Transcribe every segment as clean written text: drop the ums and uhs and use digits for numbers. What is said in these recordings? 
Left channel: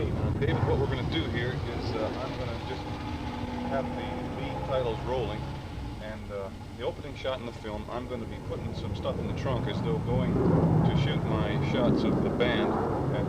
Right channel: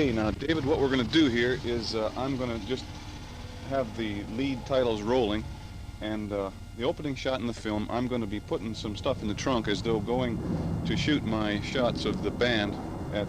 Okay, now David, what we're going to do here is I'm going to just have the lead titles rolling, and the opening shot in the film, I'm going to be putting some stuff in the trunk as though going to shoot my shots of the band at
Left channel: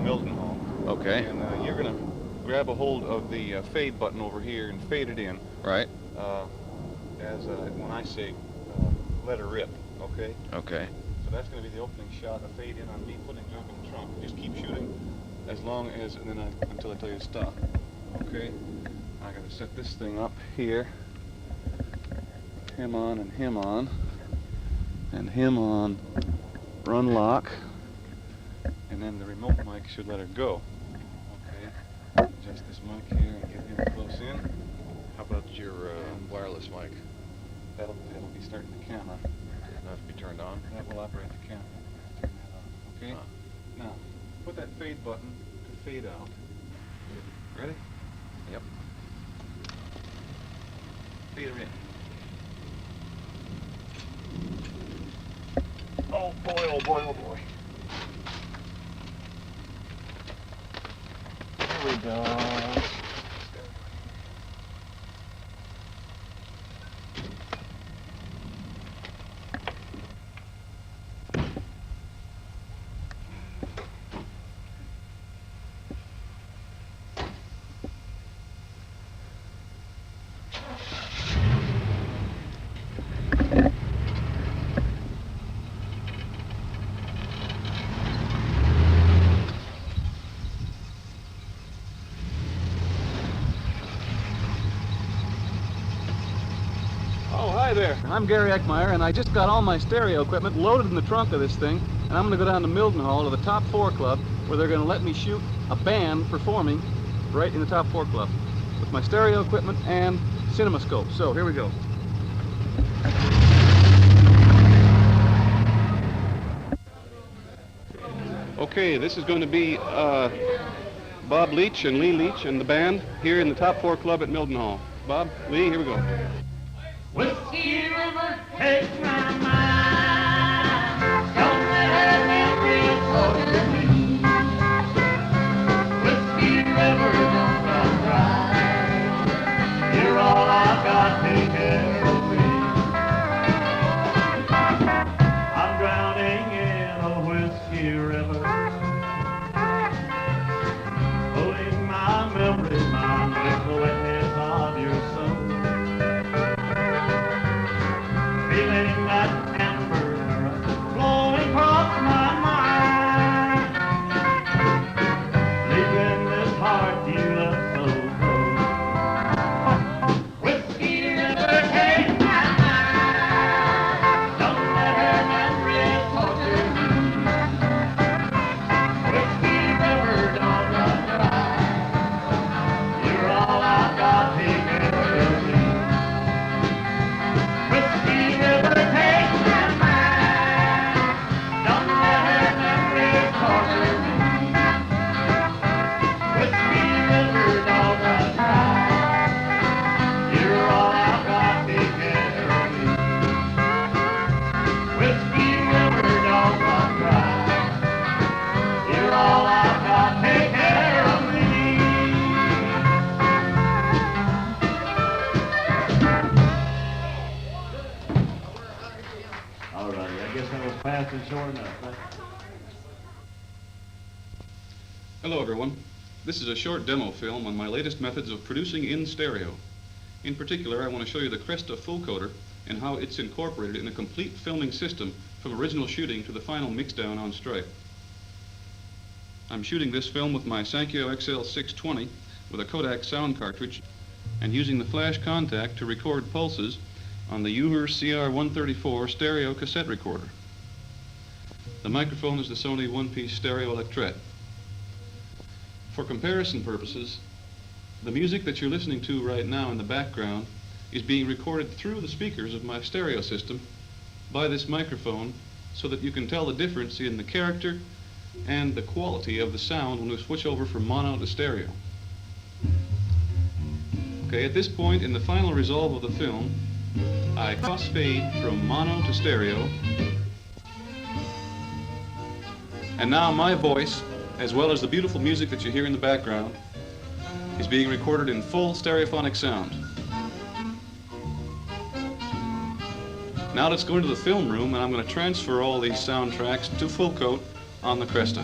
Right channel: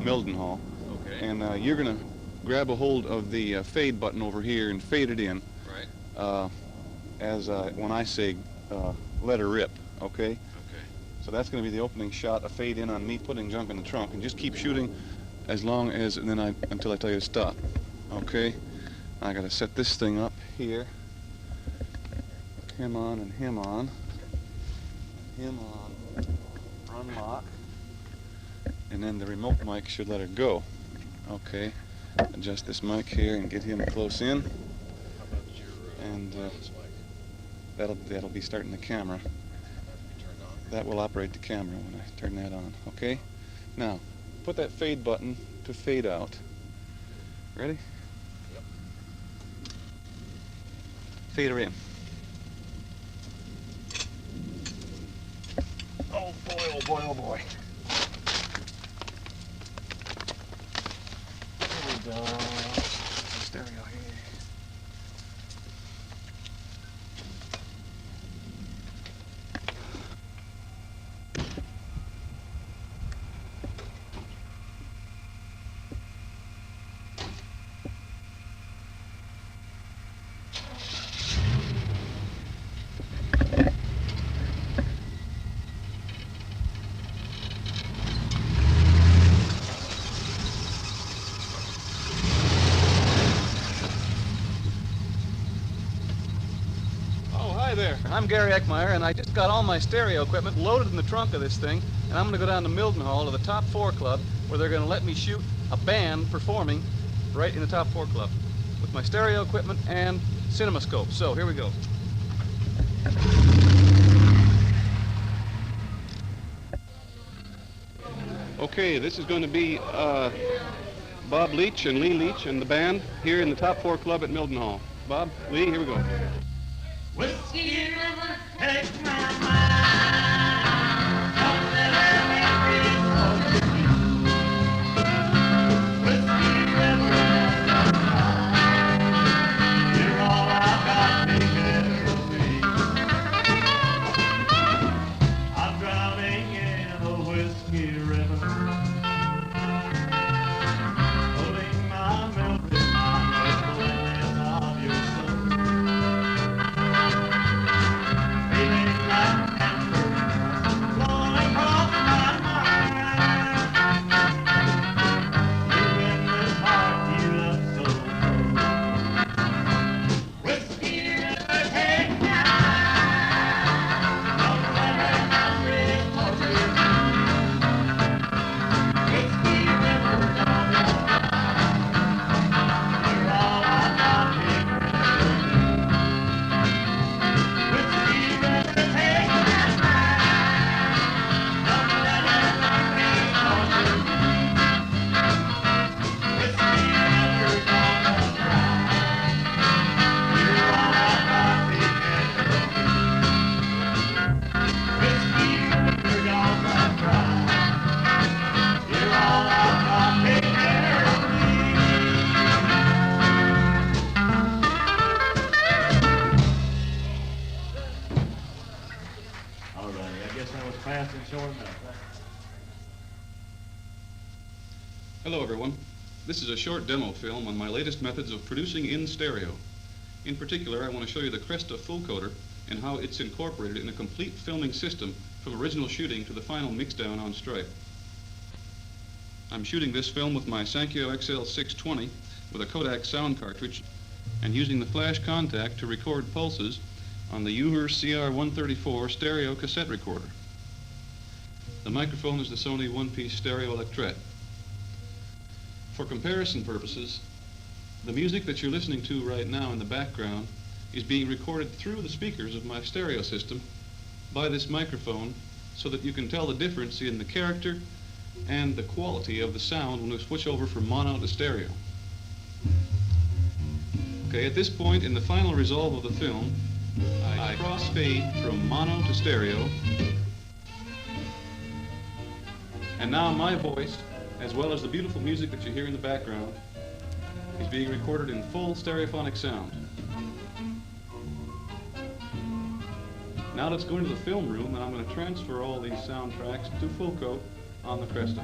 Mildenhall. Okay. And you're going to grab a hold of the fade button over here and fade it in. Right. As when I say let her rip, okay? Okay. So that's going to be the opening shot, a fade in on me putting junk in the trunk, and just keep shooting as long as, and then until I tell you to stop. Okay? I got to set this thing up here. Him on and him on. And him on run lock. And then the remote mic should let her go. Okay. Adjust this mic here and get him close in. How about your wireless mic? That'll be starting the camera. Not to be turned on? That will operate the camera when I turn that on. Okay? Now, put that fade button to fade out. Ready? Yep. Fade her in. Oh boy, oh boy, oh boy. There we go. Stereo here. There. I'm Gary Eckmeyer, and I just got all my stereo equipment loaded in the trunk of this thing, and I'm going to go down to Mildenhall to the Top 4 Club, where they're going to let me shoot a band performing right in the Top 4 Club with my stereo equipment and cinemascope. So here we go. Okay, this is going to be Bob Leach and Lee Leach and the band here in the Top 4 Club at Mildenhall. Bob, Lee, here we go. Whiskey River, take my mind. Don't let it over me. Whiskey River, don't cry. You're all I've got, take care of me. I'm drowning in a whiskey river, putting my memories, my memories on your soul. Hello everyone. This is a short demo film on my latest methods of producing in stereo. In particular, I want to show you the Cresta full coder and how it's incorporated in a complete filming system from original shooting to the final mixdown on stripe. I'm shooting this film with my Sankyo XL620 with a Kodak sound cartridge and using the flash contact to record pulses on the Uher CR134 stereo cassette recorder. The microphone is the Sony one-piece stereo electret. For comparison purposes, the music that you're listening to right now in the background is being recorded through the speakers of my stereo system by this microphone so that you can tell the difference in the character and the quality of the sound when we switch over from mono to stereo. Okay, at this point in the final resolve of the film, I crossfade from mono to stereo, and now my voice as well as the beautiful music that you hear in the background, is being recorded in full stereophonic sound. Now let's go into the film room, and I'm going to transfer all these soundtracks to full coat on the Cresta.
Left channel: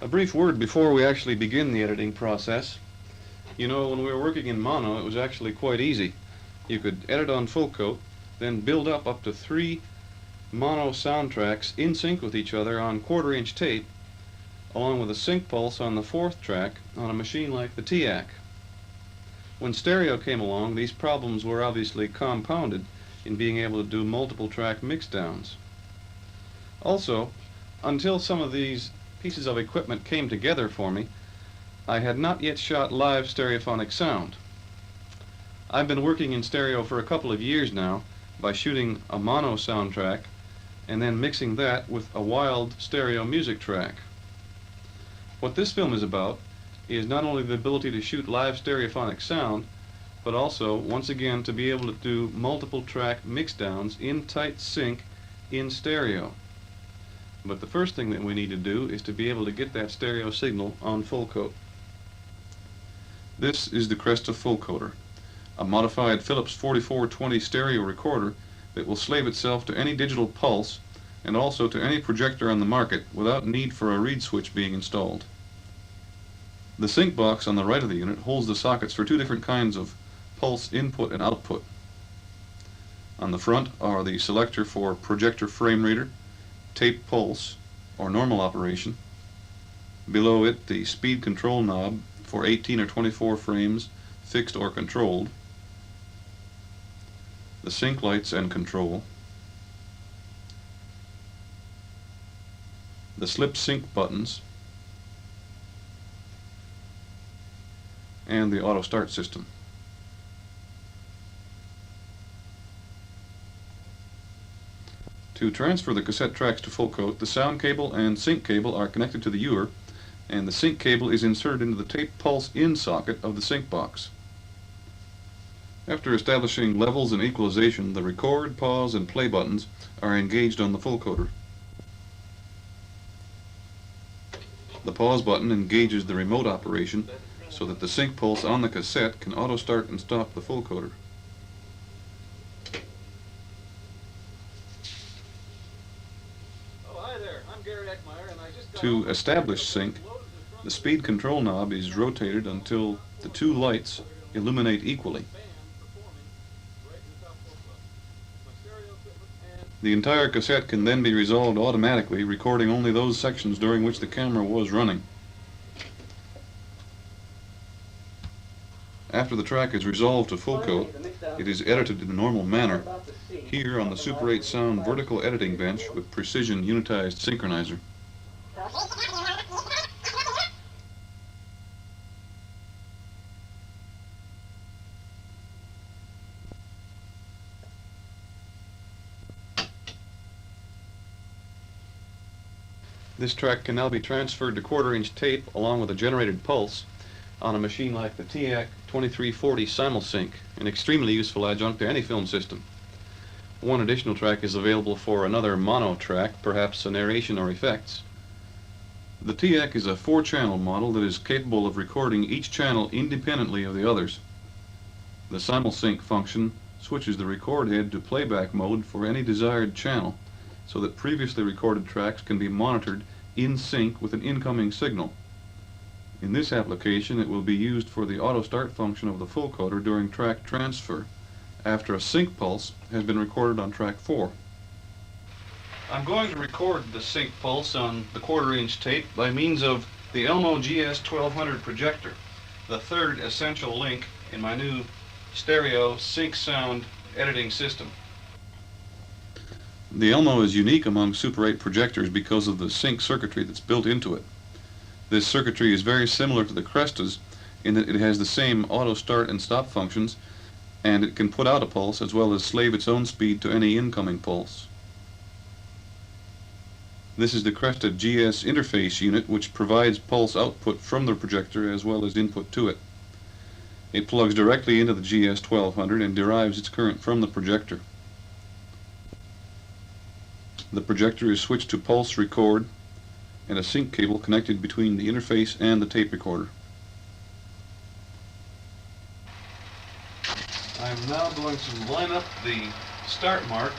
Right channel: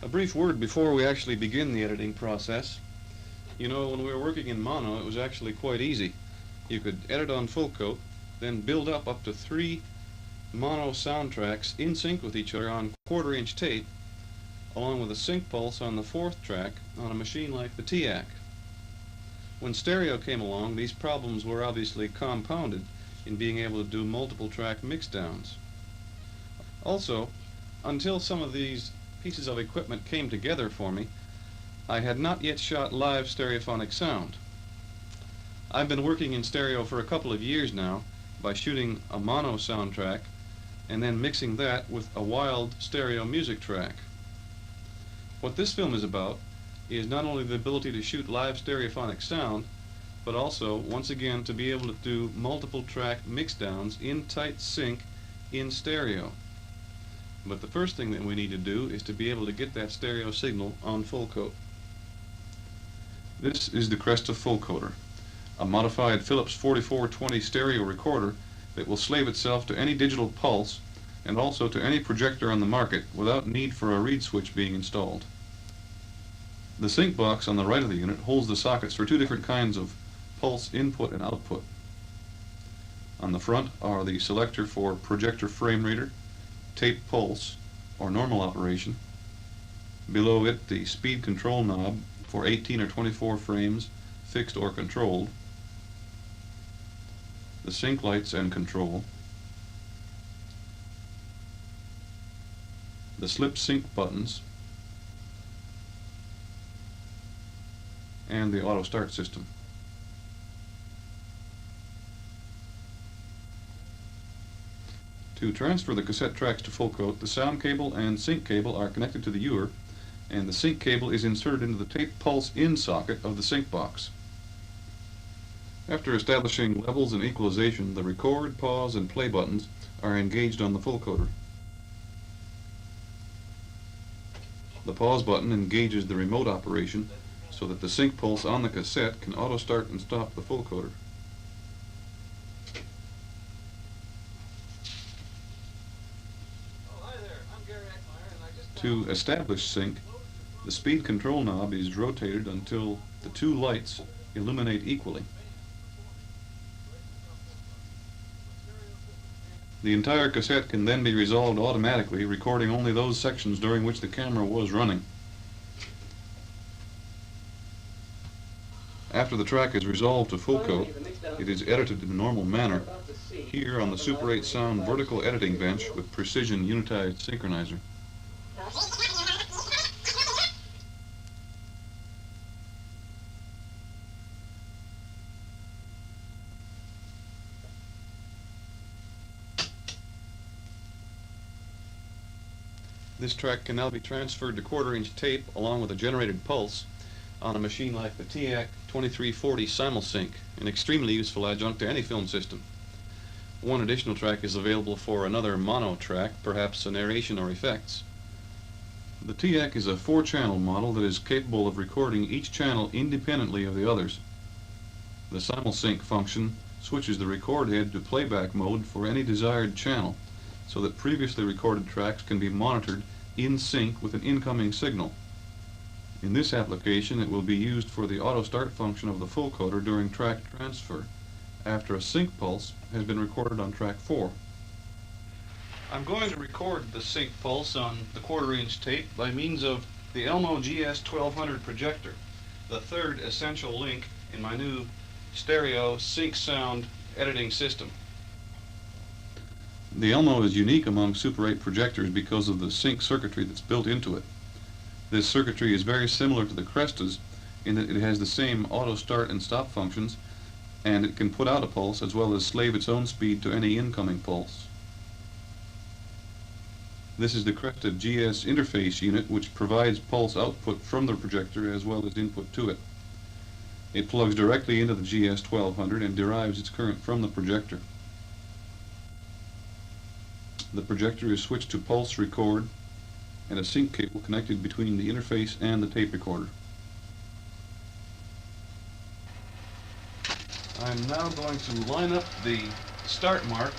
A brief word before we actually begin the editing process. You know, when we were working in mono, it was actually quite easy. You could edit on full coat, then build up to 3 mono soundtracks in sync with each other on 1/4-inch tape, along with a sync pulse on the 4th track on a machine like the TAC. When stereo came along, these problems were obviously compounded in being able to do multiple track mixdowns. Also, until some of these pieces of equipment came together for me, I had not yet shot live stereophonic sound. I've been working in stereo for a couple of years now by shooting a mono soundtrack and then mixing that with a wild stereo music track. What this film is about is not only the ability to shoot live stereophonic sound, but also, once again, to be able to do multiple track mixdowns in tight sync in stereo. But the first thing that we need to do is to be able to get that stereo signal on full coat. This is the Cresta Full Coater, a modified Philips 4420 stereo recorder that will slave itself to any digital pulse and also to any projector on the market without need for a reed switch being installed. The sync box on the right of the unit holds the sockets for 2 different kinds of pulse input and output. On the front are the selector for projector frame reader, tape pulse, or normal operation. Below it, the speed control knob for 18 or 24 frames, fixed or controlled. The sync lights and control. The slip sync buttons. And the auto start system. To transfer the cassette tracks to full coat, the sound cable and sync cable are connected to the ewer, and the sync cable is inserted into the tape pulse in socket of the sync box. After establishing levels and equalization, the record, pause, and play buttons are engaged on the full coater. The pause button engages the remote operation so that the sync pulse on the cassette can auto start and stop the full coater. To establish sync, the speed control knob is rotated until the 2 lights illuminate equally. The entire cassette can then be resolved automatically, recording only those sections during which the camera was running. After the track is resolved to full coat, it is edited in a normal manner, here on the Super 8 Sound vertical editing bench with precision unitized synchronizer. This track can now be transferred to 1/4-inch tape along with a generated pulse on a machine like the TAC 2340 Simulsync, an extremely useful adjunct to any film system. One additional track is available for another mono track, perhaps a narration or effects. The TAC is a 4-channel model that is capable of recording each channel independently of the others. The Simulsync function switches the record head to playback mode for any desired channel, so that previously recorded tracks can be monitored in sync with an incoming signal. In this application, it will be used for the auto start function of the full coater during track transfer, after a sync pulse has been recorded on track 4. I'm going to record the sync pulse on the 1/4-inch tape by means of the Elmo GS1200 projector, the 3rd essential link in my new stereo sync sound editing system. The Elmo is unique among Super 8 projectors because of the sync circuitry that's built into it. This circuitry is very similar to the Cresta's in that it has the same auto start and stop functions, and it can put out a pulse as well as slave its own speed to any incoming pulse. This is the Cresta GS interface unit, which provides pulse output from the projector as well as input to it. It plugs directly into the GS1200 and derives its current from the projector. The projector is switched to pulse record, and a sync cable connected between the interface and the tape recorder. I'm now going to line up the start mark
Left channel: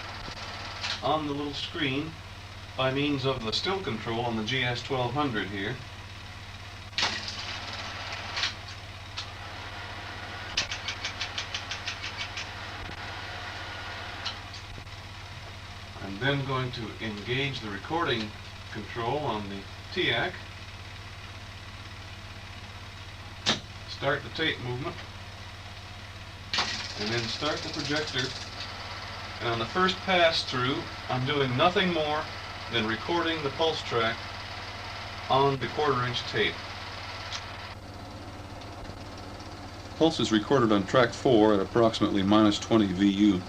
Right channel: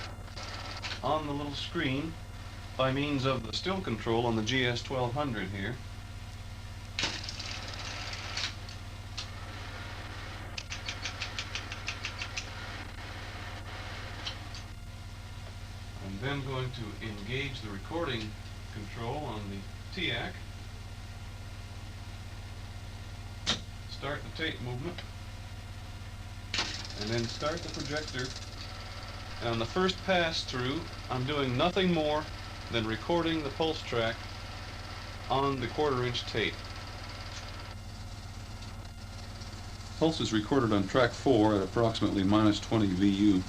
on the little screen by means of the still control on the GS1200 here. I'm then going to engage the recording control on the TAC, start the tape movement, and then start the projector. And on the first pass through, I'm doing nothing more than recording the pulse track on the 1/4-inch tape. Pulse is recorded on track 4 at approximately -20 VU.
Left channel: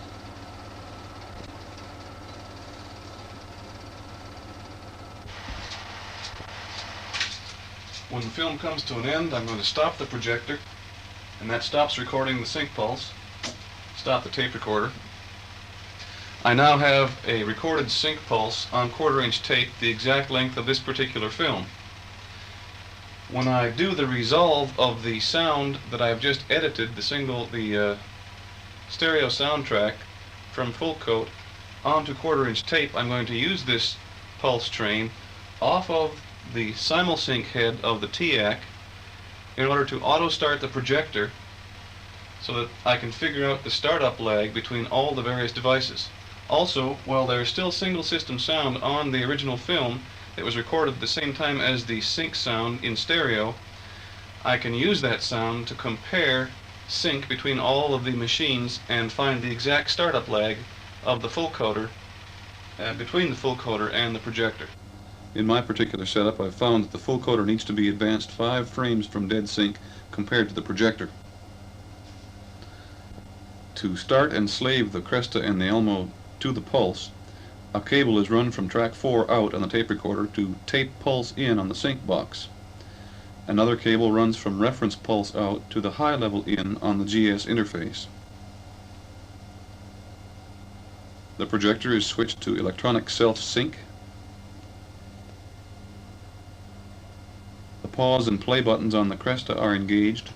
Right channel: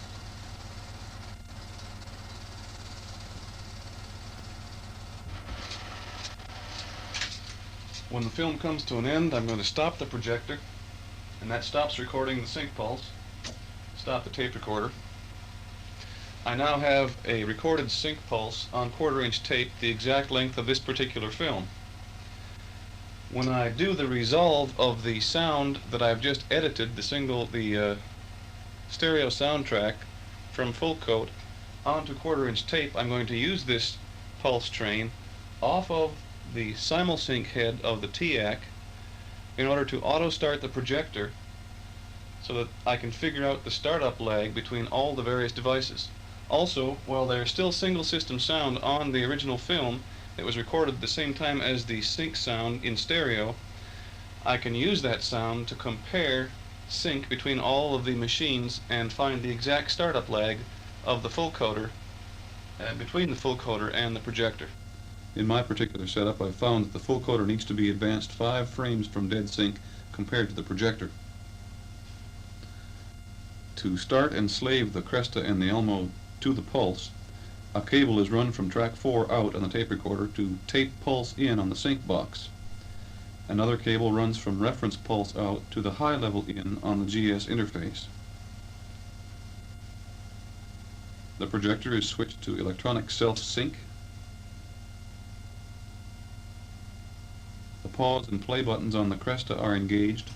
When the film comes to an end, I'm going to stop the projector, and that stops recording the sync pulse. Stop the tape recorder. I now have a recorded sync pulse on 1/4-inch tape, the exact length of this particular film. When I do the resolve of the sound that I've just edited, the stereo soundtrack from full coat onto 1/4-inch tape, I'm going to use this pulse train off of the simulsync head of the TAC in order to auto start the projector so that I can figure out the startup lag between all the various devices. Also, while there's still single system sound on the original film that was recorded at the same time as the sync sound in stereo, I can use that sound to compare sync between all of the machines and find the exact startup lag of the full coder between the full coder and the projector. In my particular setup, I've found that the full coder needs to be advanced 5 frames from dead sync compared to the projector. To start and slave the Cresta and the Elmo to the pulse, a cable is run from track 4 out on the tape recorder to tape pulse in on the sync box. Another cable runs from reference pulse out to the high level in on the GS interface. The projector is switched to electronic self-sync. The pause and play buttons on the Cresta are engaged,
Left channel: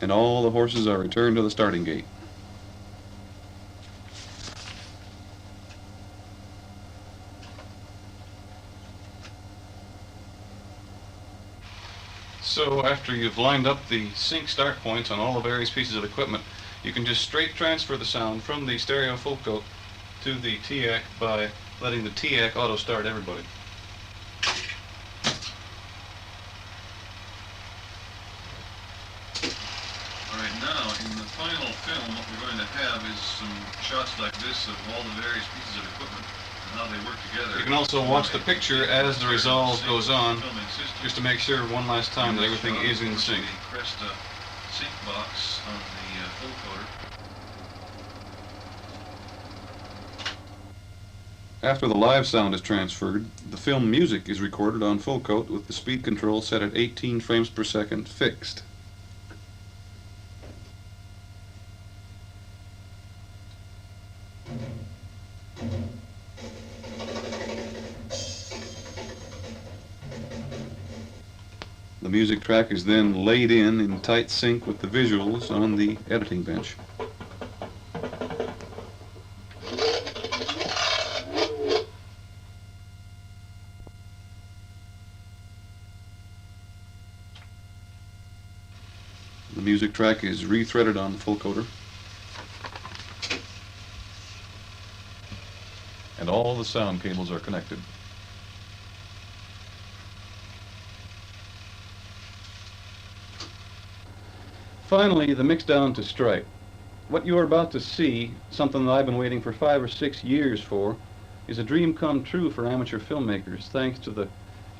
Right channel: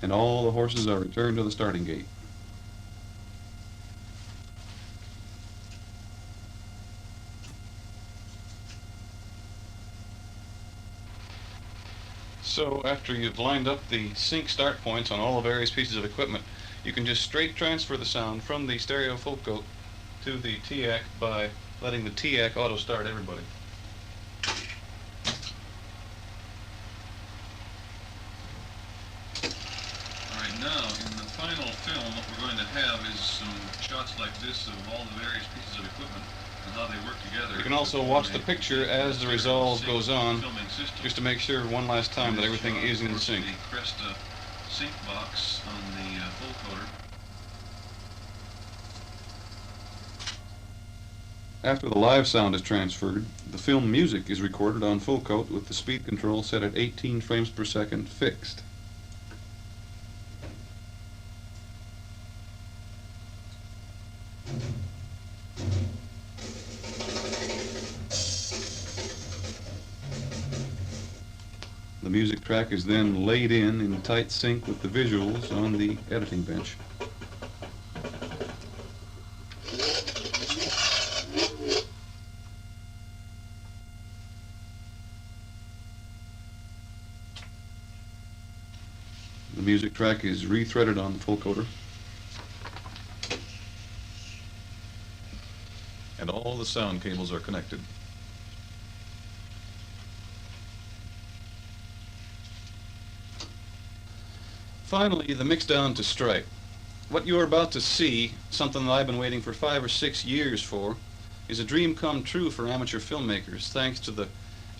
and all the horses are returned to the starting gate. So after you've lined up the sync start points on all the various pieces of equipment, you can just straight transfer the sound from the stereo full coat to the TAC by letting the TAC auto start everybody. Alright, now in the final film what we're going to have is some shots like this of all the various pieces of equipment and how they work together. You can also watch the picture as the resolve goes on, just to make sure one last time that everything is in sync. The Cresta sync box on the full coder. After the live sound is transferred, the film music is recorded on full coat with the speed control set at 18 frames per second fixed. The music track is then laid in tight sync with the visuals on the editing bench. The music track is rethreaded on the full coder, and all the sound cables are connected. Finally, the mix down to stripe. What you are about to see, something that I've been waiting for 5 or 6 years for, is a dream come true for amateur filmmakers, thanks to the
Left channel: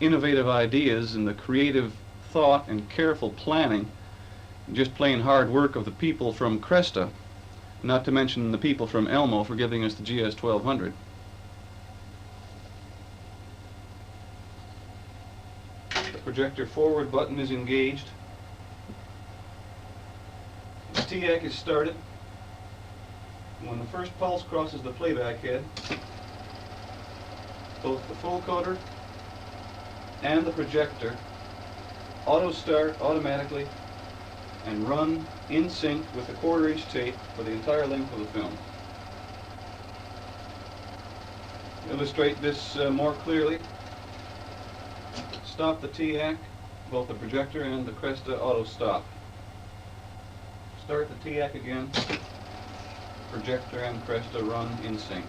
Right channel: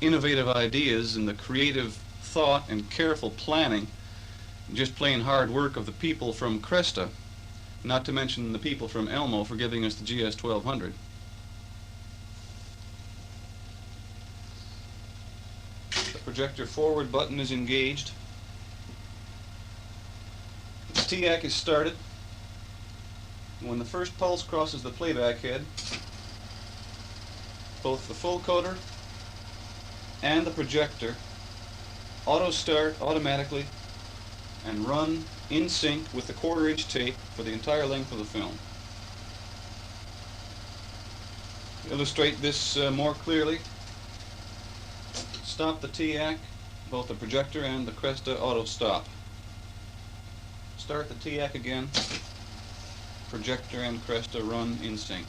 innovative ideas and the creative thought and careful planning, just plain hard work of the people from Cresta, not to mention the people from Elmo for giving us the GS1200. The projector forward button is engaged. The TAC is started. When the first pulse crosses the playback head, both the full coder and the projector auto start automatically and run in sync with the 1/4 inch tape for the entire length of the film. Illustrate this more clearly. Stop the TAC, both the projector and the Cresta auto stop. Start the TAC again, projector and Cresta run in sync.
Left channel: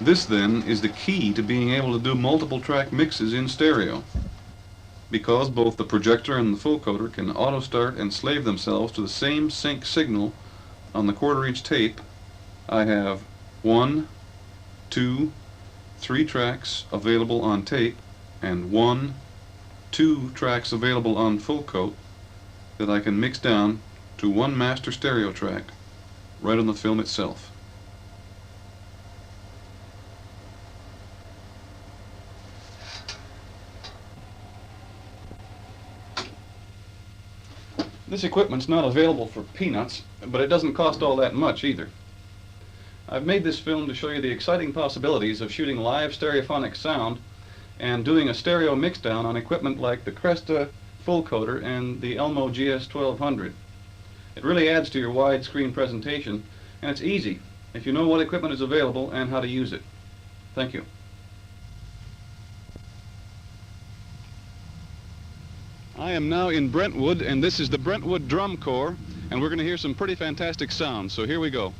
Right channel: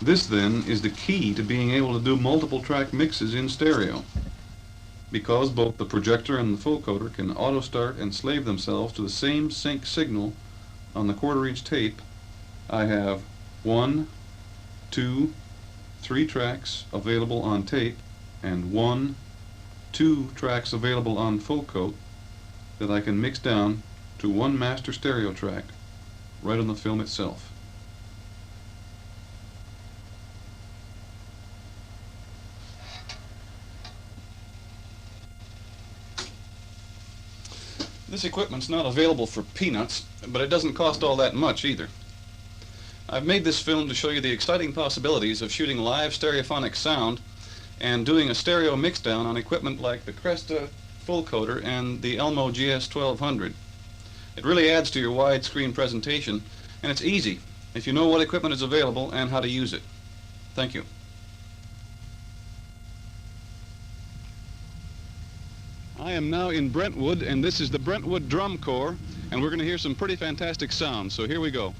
This then is the key to being able to do multiple track mixes in stereo. Because both the projector and the full coder can auto start and slave themselves to the same sync signal on the 1/4 inch tape, I have 1, 2, 3 tracks available on tape and 1, 2 tracks available on full coat that I can mix down to one master stereo track right on the film itself. This equipment's not available for peanuts, but it doesn't cost all that much either. I've made this film to show you the exciting possibilities of shooting live stereophonic sound and doing a stereo mixdown on equipment like the Cresta full coder and the Elmo GS1200. It really adds to your widescreen presentation, and it's easy if you know what equipment is available and how to use it. Thank you. I am now in Brentwood, and this is the Brentwood Drum Corps, and we're going to hear some pretty fantastic sounds, so here we go.